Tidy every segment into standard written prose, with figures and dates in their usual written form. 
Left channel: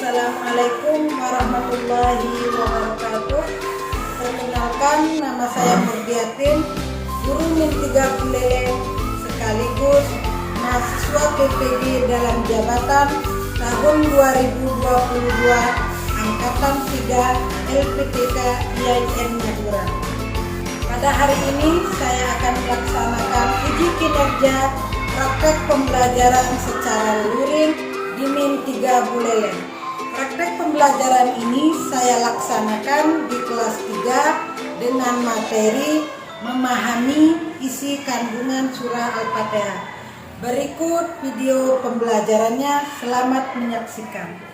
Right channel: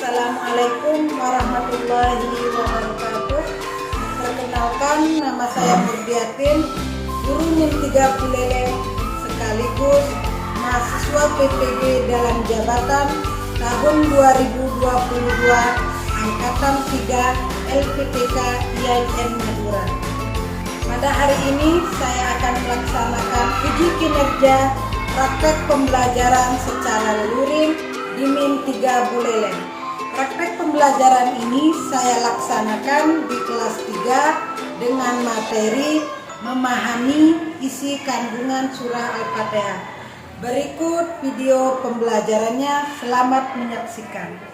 Assalamualaikum warahmatullahi wabarakatuh. Perkenalkan, nama saya Murdiatin, guru NIM 3 Buleleng sekaligus mahasiswa PPD dalam jabatan tahun 2022 angkatan 3 LPTK IAIN Madura. Pada hari ini saya akan melaksanakan uji kinerja praktek pembelajaran secara luring di NIM 3 Buleleng. Praktek pembelajaran ini saya laksanakan di kelas 3 dengan materi memahami isi kandungan surah Al-Fatihah. Berikut video pembelajarannya, selamat menyaksikan.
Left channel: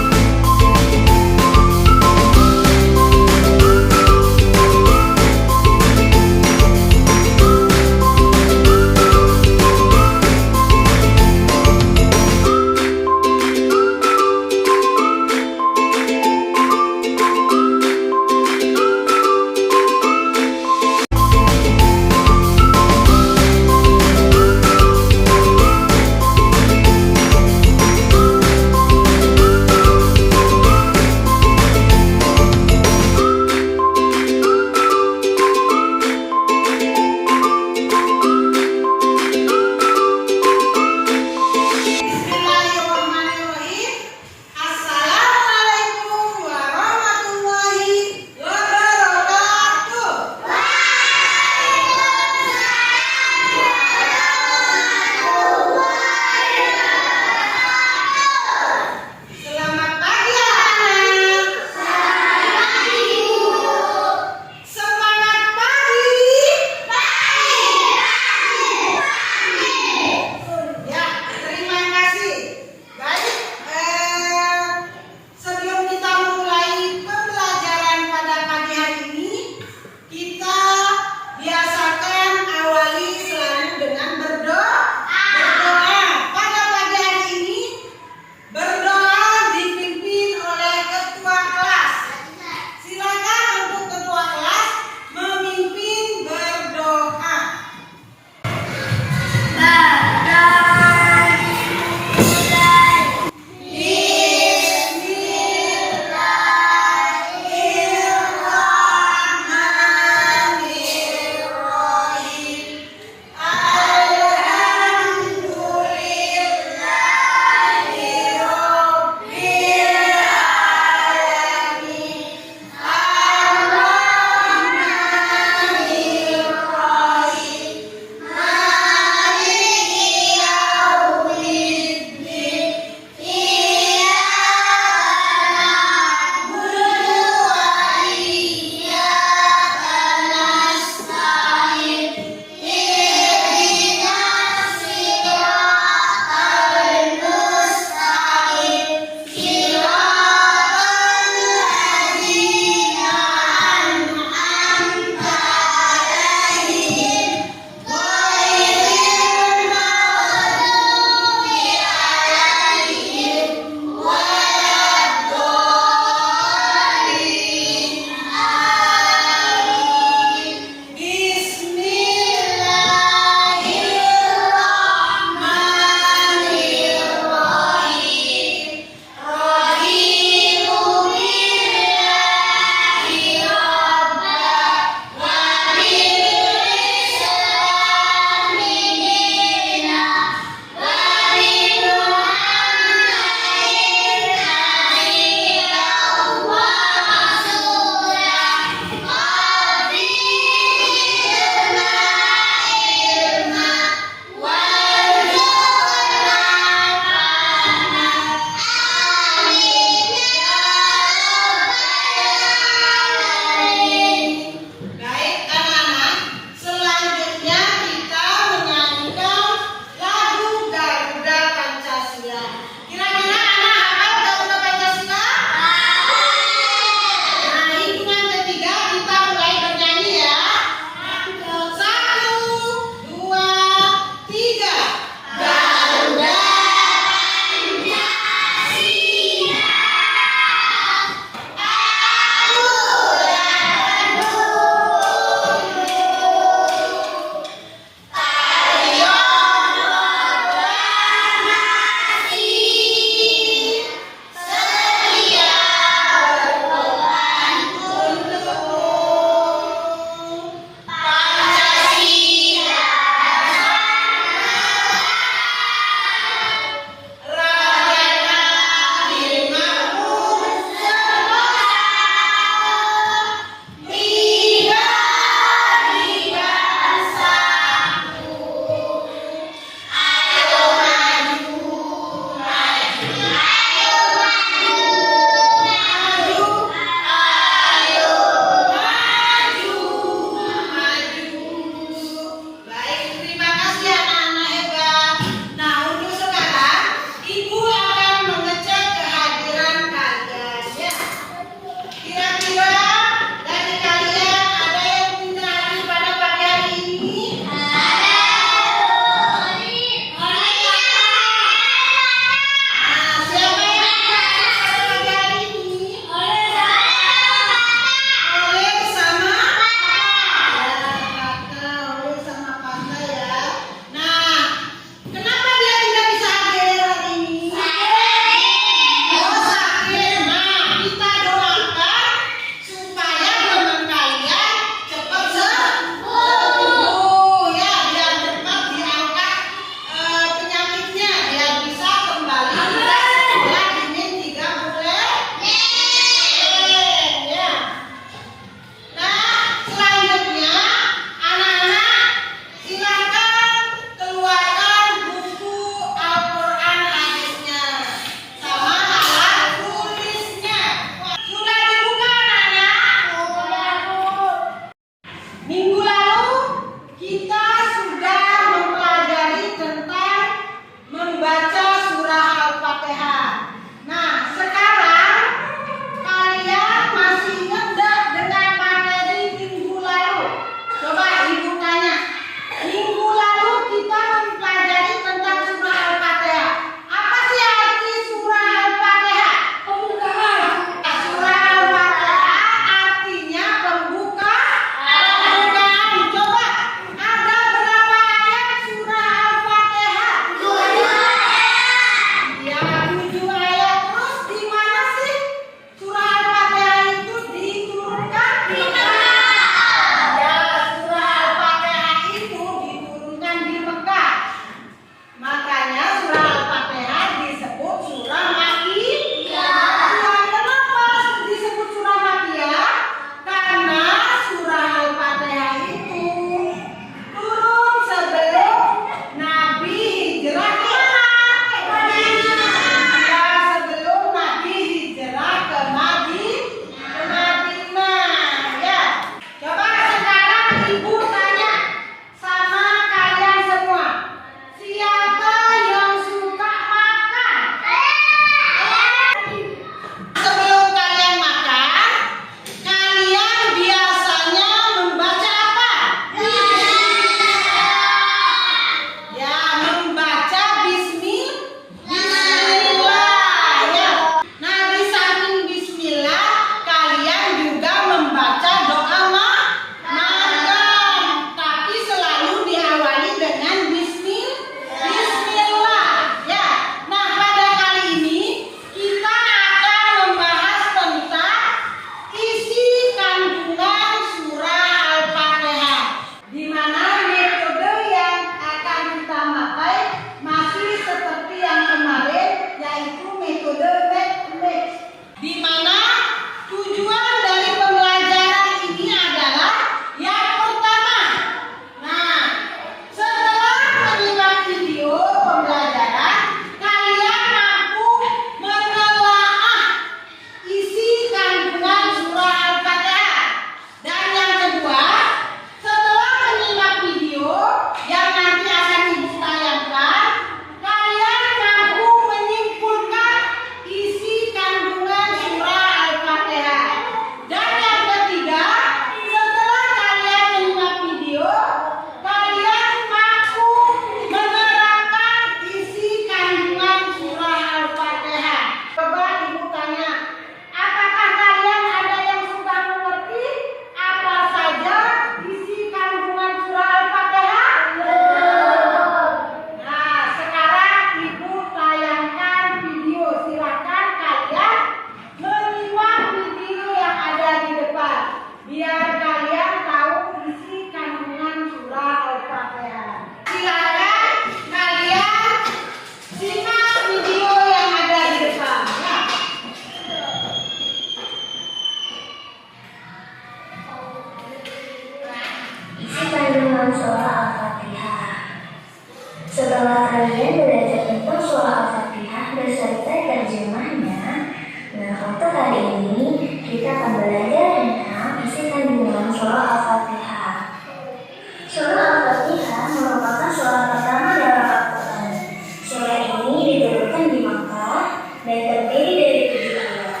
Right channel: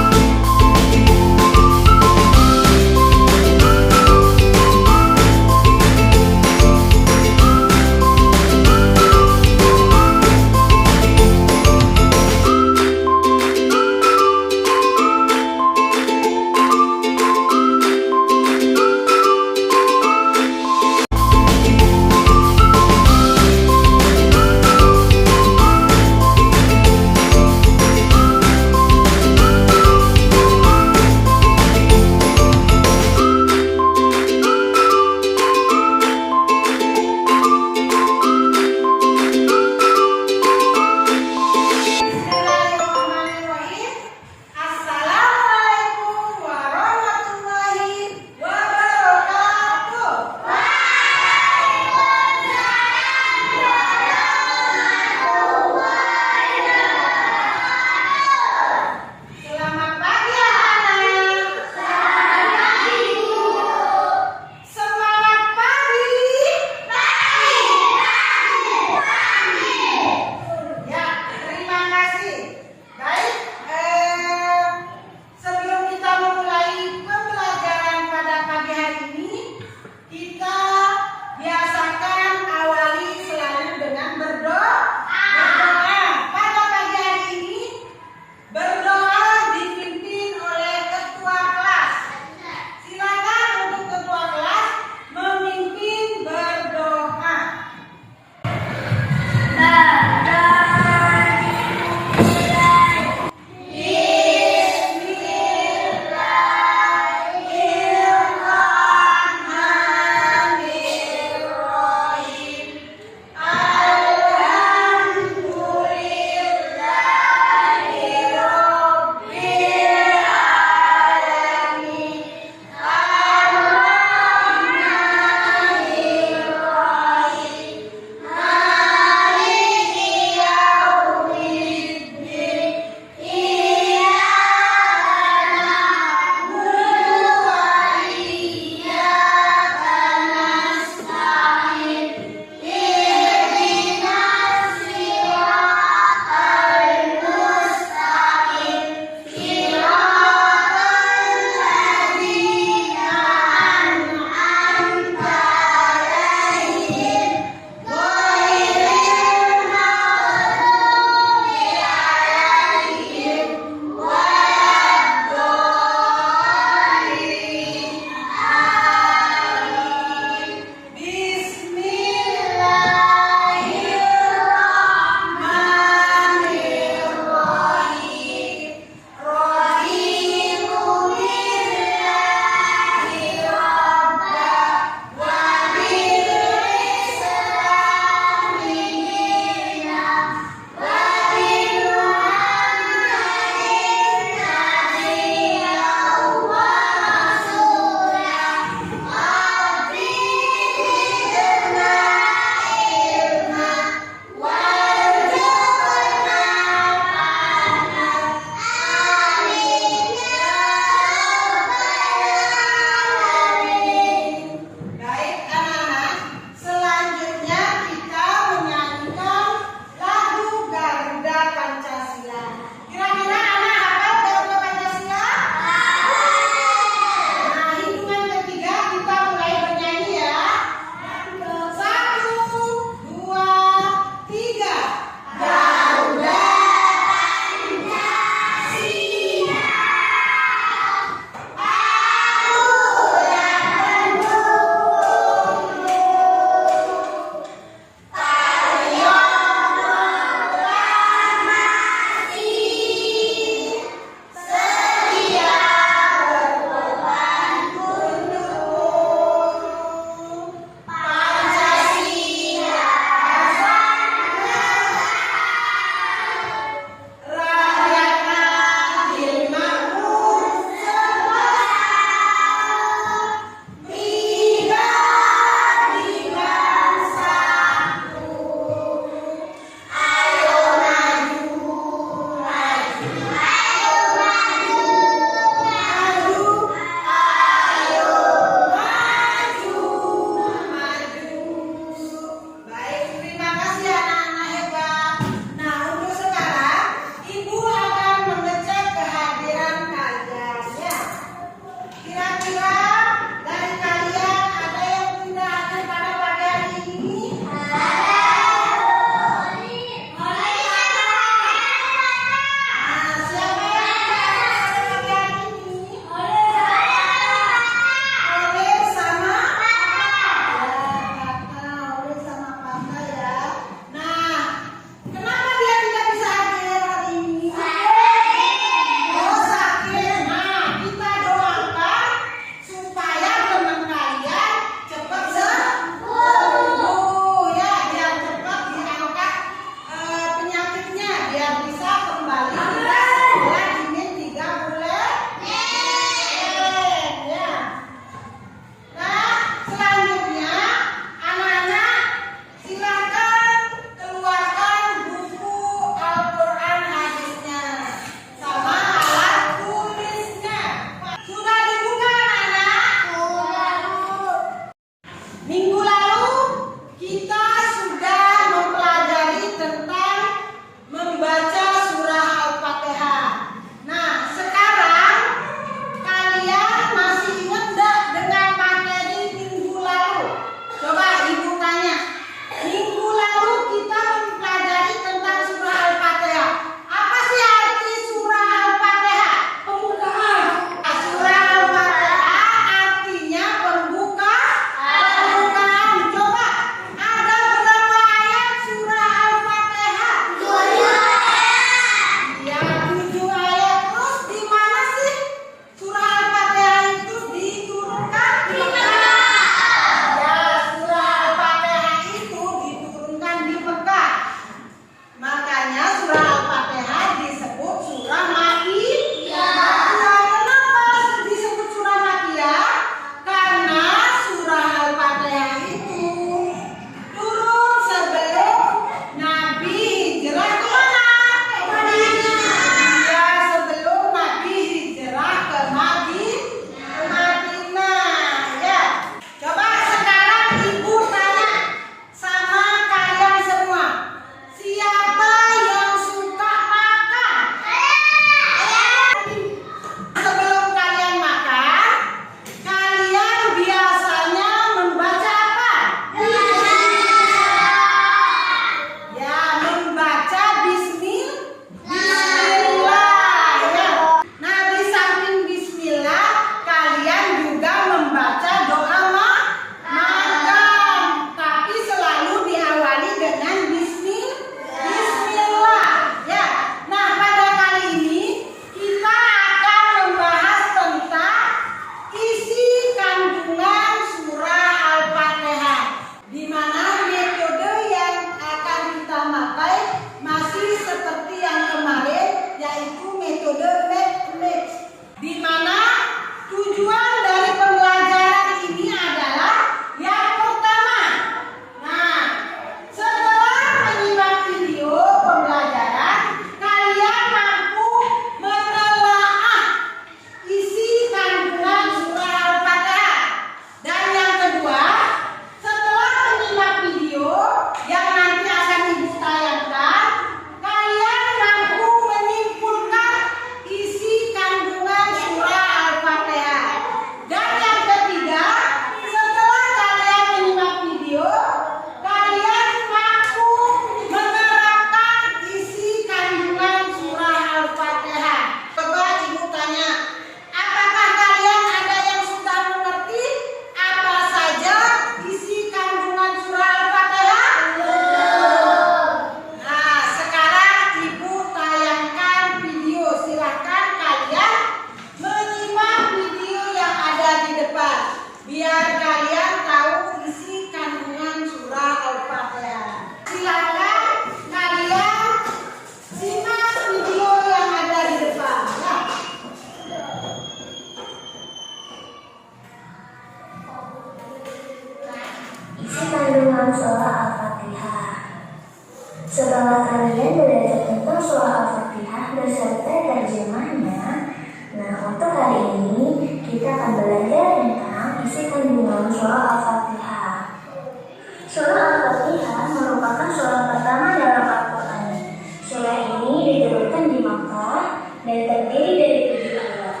diturunkan di Makkah dan terdiri dari 7 ayat.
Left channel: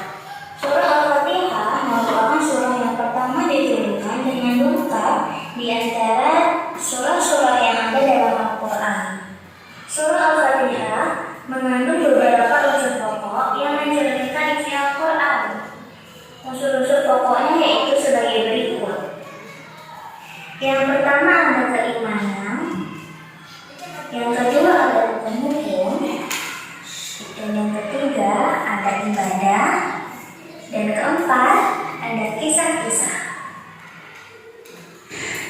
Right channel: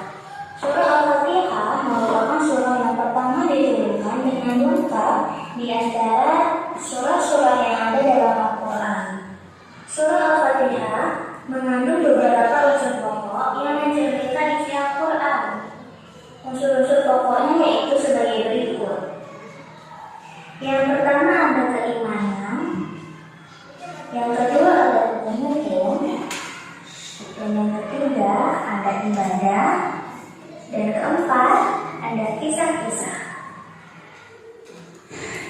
Surah Al-Fatihah merupakan surah yang pertama diturunkan dengan lengkap di antara surah-surah yang ada dalam Al-Quran. Surah Al-Fatihah mengandung beberapa unsur pokok yang mencerminkan isi Al-Quran. Unsur-unsur pokoknya yaitu sebagai berikut. Yang pertama ada keimanan, yang kedua ada hukum, dan yang ketiga ada ibadah, dan keempat ada kisah-kisah.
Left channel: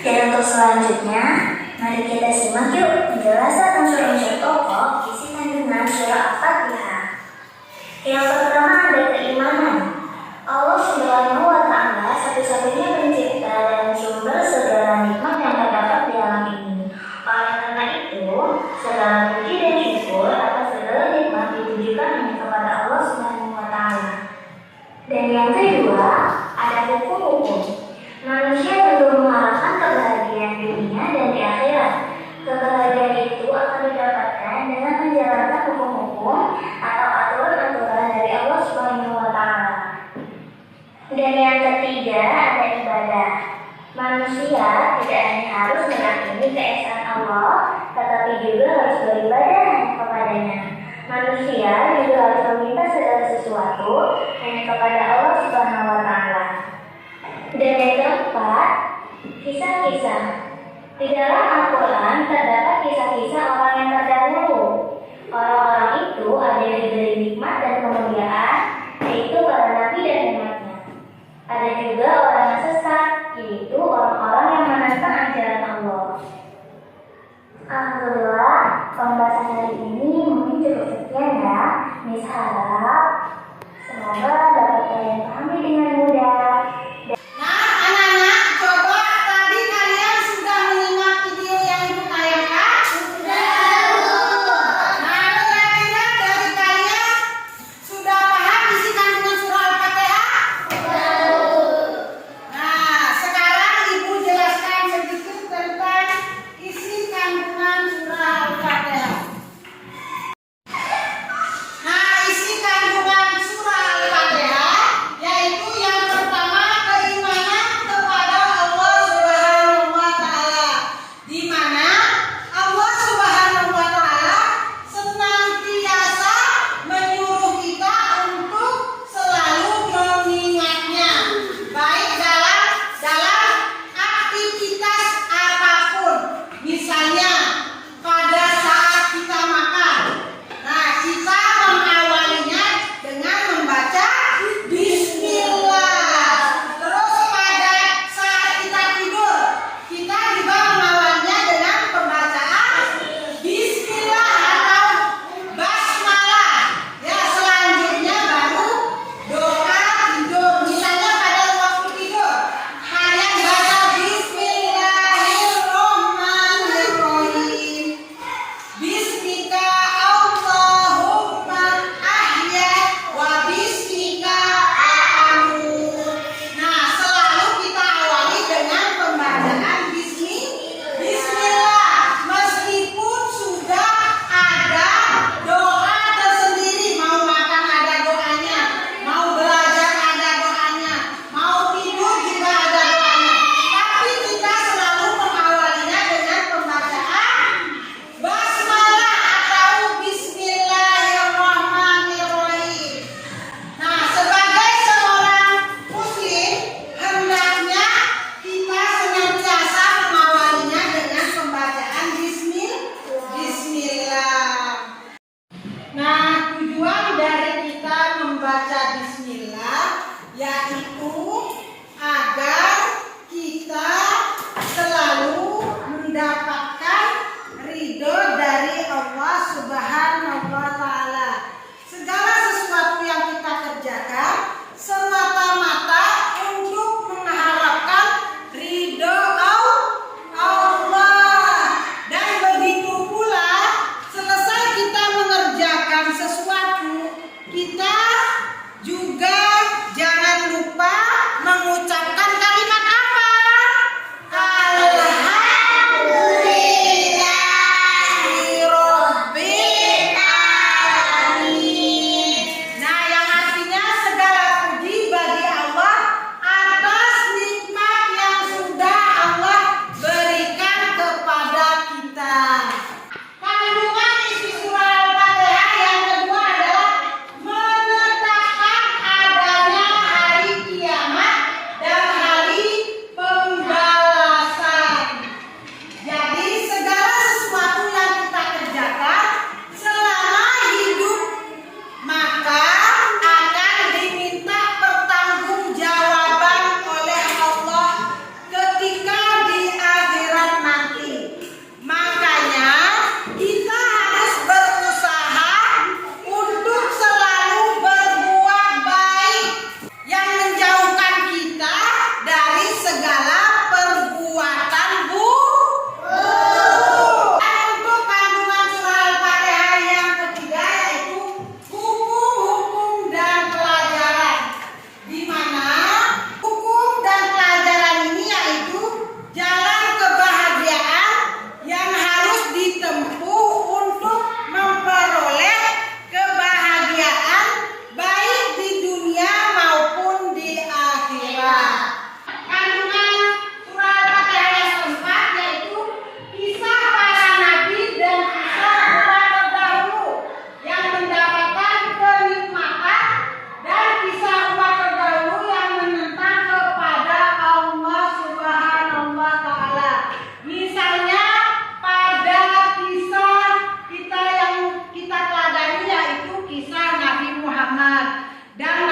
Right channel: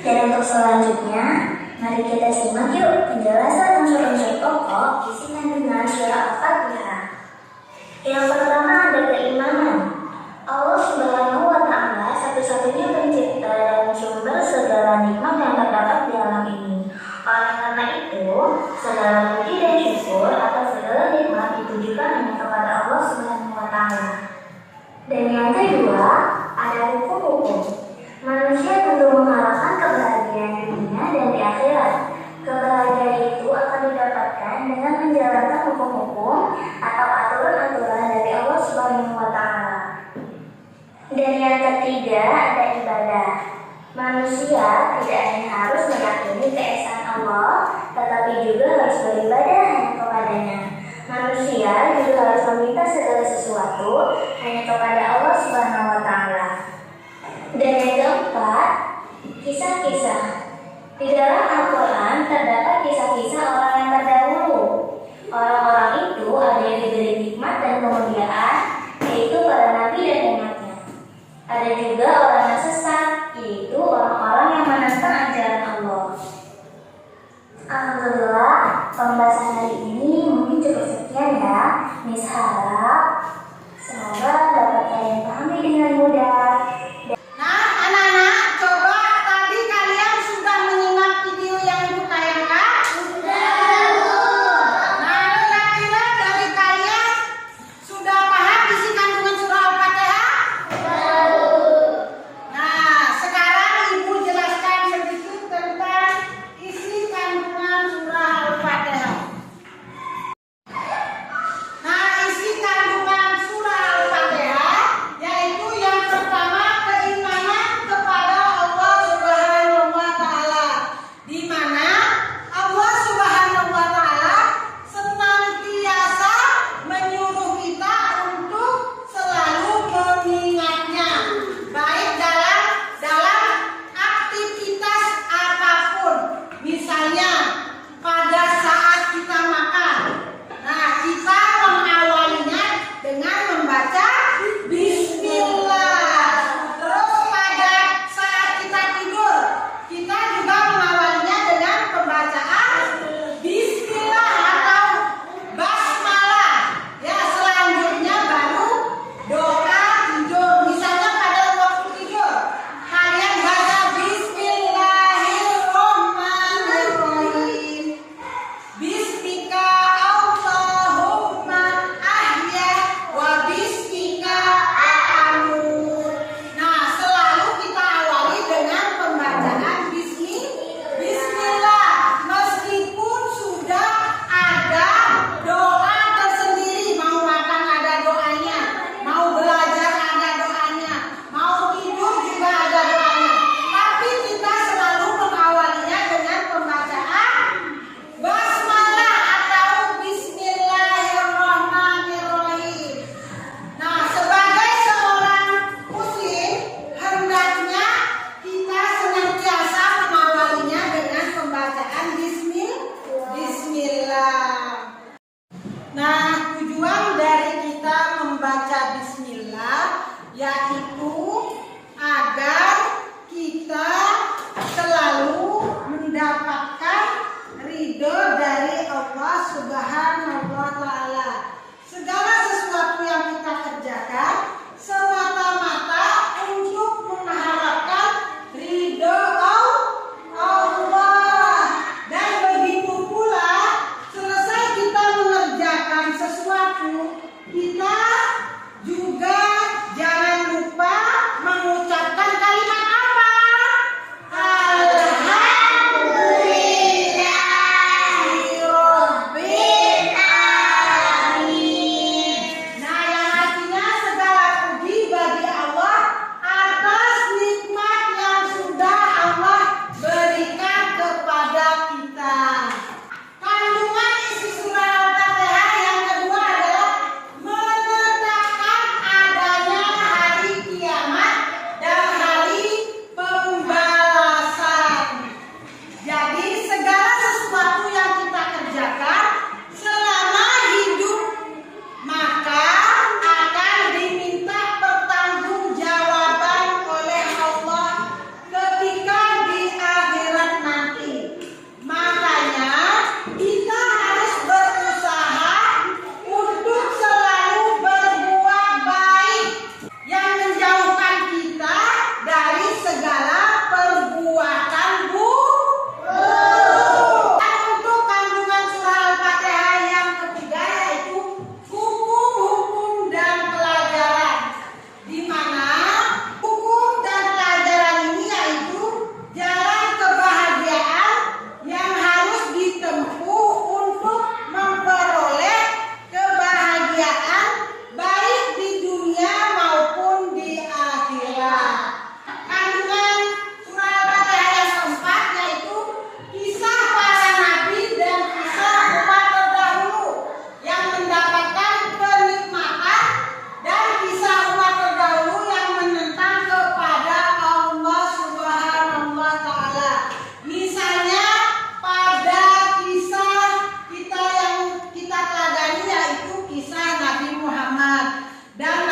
Dan untuk selanjutnya, mari kita simak yuk penjelasan unsur-unsur pokok isi kandungan surah Al-Fatihah. Yang pertama ada keimanan. Allah Subhanahu wa Ta'ala satu-satunya pencipta dan sumber segala nikmat yang terdapat di alam ini. Oleh karena itu, segala puji dan syukur atas segala nikmat ditujukan hanya kepada Allah Subhanahu wa Ta'ala. Dan yang kedua, ada hukum-hukum. Manusia tentu mengharapkan kebahagiaan dunia dan di akhirat. Kebahagiaan itu akan didapatkan dengan menjalankan hukum-hukum atau aturan-aturan dari Allah Subhanahu wa Ta'ala. Dan yang ketiga ada ibadah. Manusia tidak hanya harus meyakini keesaan Allah, tetapi juga harus beribadah kepadanya. Manusia juga harus meminta segala sesuatu hanya kepada Allah Subhanahu wa Ta'ala. Dan yang keempat, kisah-kisah. Di dalam Al-Quran terdapat kisah-kisah orang yang terdahulu. Orang-orang itu ada yang diberi nikmat dan kemuliaan, yaitu para nabi dan umatnya. Ada juga orang yang sesat, yaitu orang-orang yang menentang ajaran Allah. Alhamdulillah, pembahasan hari ini mungkin cukup sekian ya. Miss harap semoga dapat kalian pahami dengan mudah. Nah, anak-anak, coba tadi kalian sudah menyimak video yang ibu tayangkan? Sudah. Nah, kira-kira dari kalian sudah paham isi kandungan surah Al-Fatihah? Nah, sekarang ibu jelaskan sedikit tentang isi kandungan surah Al-Fatihah. Nah, isi kandungan surah Al-Fatihah yaitu yang pertama keimanan kepada Allah Subhanahu wa Ta'ala, di mana Allah Subhanahu wa Ta'ala senantiasa menyuruh kita untuk selalu mengingatnya, baik dalam aktivitas apapun, misalnya pada saat kita makan. Nah, kita mengawalinya dengan membaca Bismillah. Terus pada saat kita tidur, kita juga mengawalinya dengan pembacaan Bismillah atau Basmalah. Ya, selanjutnya baru doa tidur. Misalnya pada waktu tidur, kalian baca Bismillahirrahmanirrahim. Bismika Allahumma ahya wa bismika amut. Nah, selalu kita awali dengan pembacaan Bismillah. Meskipun sudah ada doa tersendiri, mau makan ada doanya, mau belajar ada doanya, mau tidur juga ada doanya, tapi kita selalu mengawalinya dengan pembacaan Basmalah atau Bismillahirrahmanirrahim. Nah, sebagai seorang muslim, hendaknya kita senantiasa mengawalinya dengan pembacaan Bismillah. Nah, tujuan dari kita membaca Bismillah yaitu agar kita selalu mendapatkan ridho dari Allah Subhanahu wa Ta'ala. Segala sesuatu yang kita kerjakan semata-mata untuk mengharapkan ridho Allah. Dan begitu pula selesai kita mengerjakan sesuatu, kita juga jangan lupa dan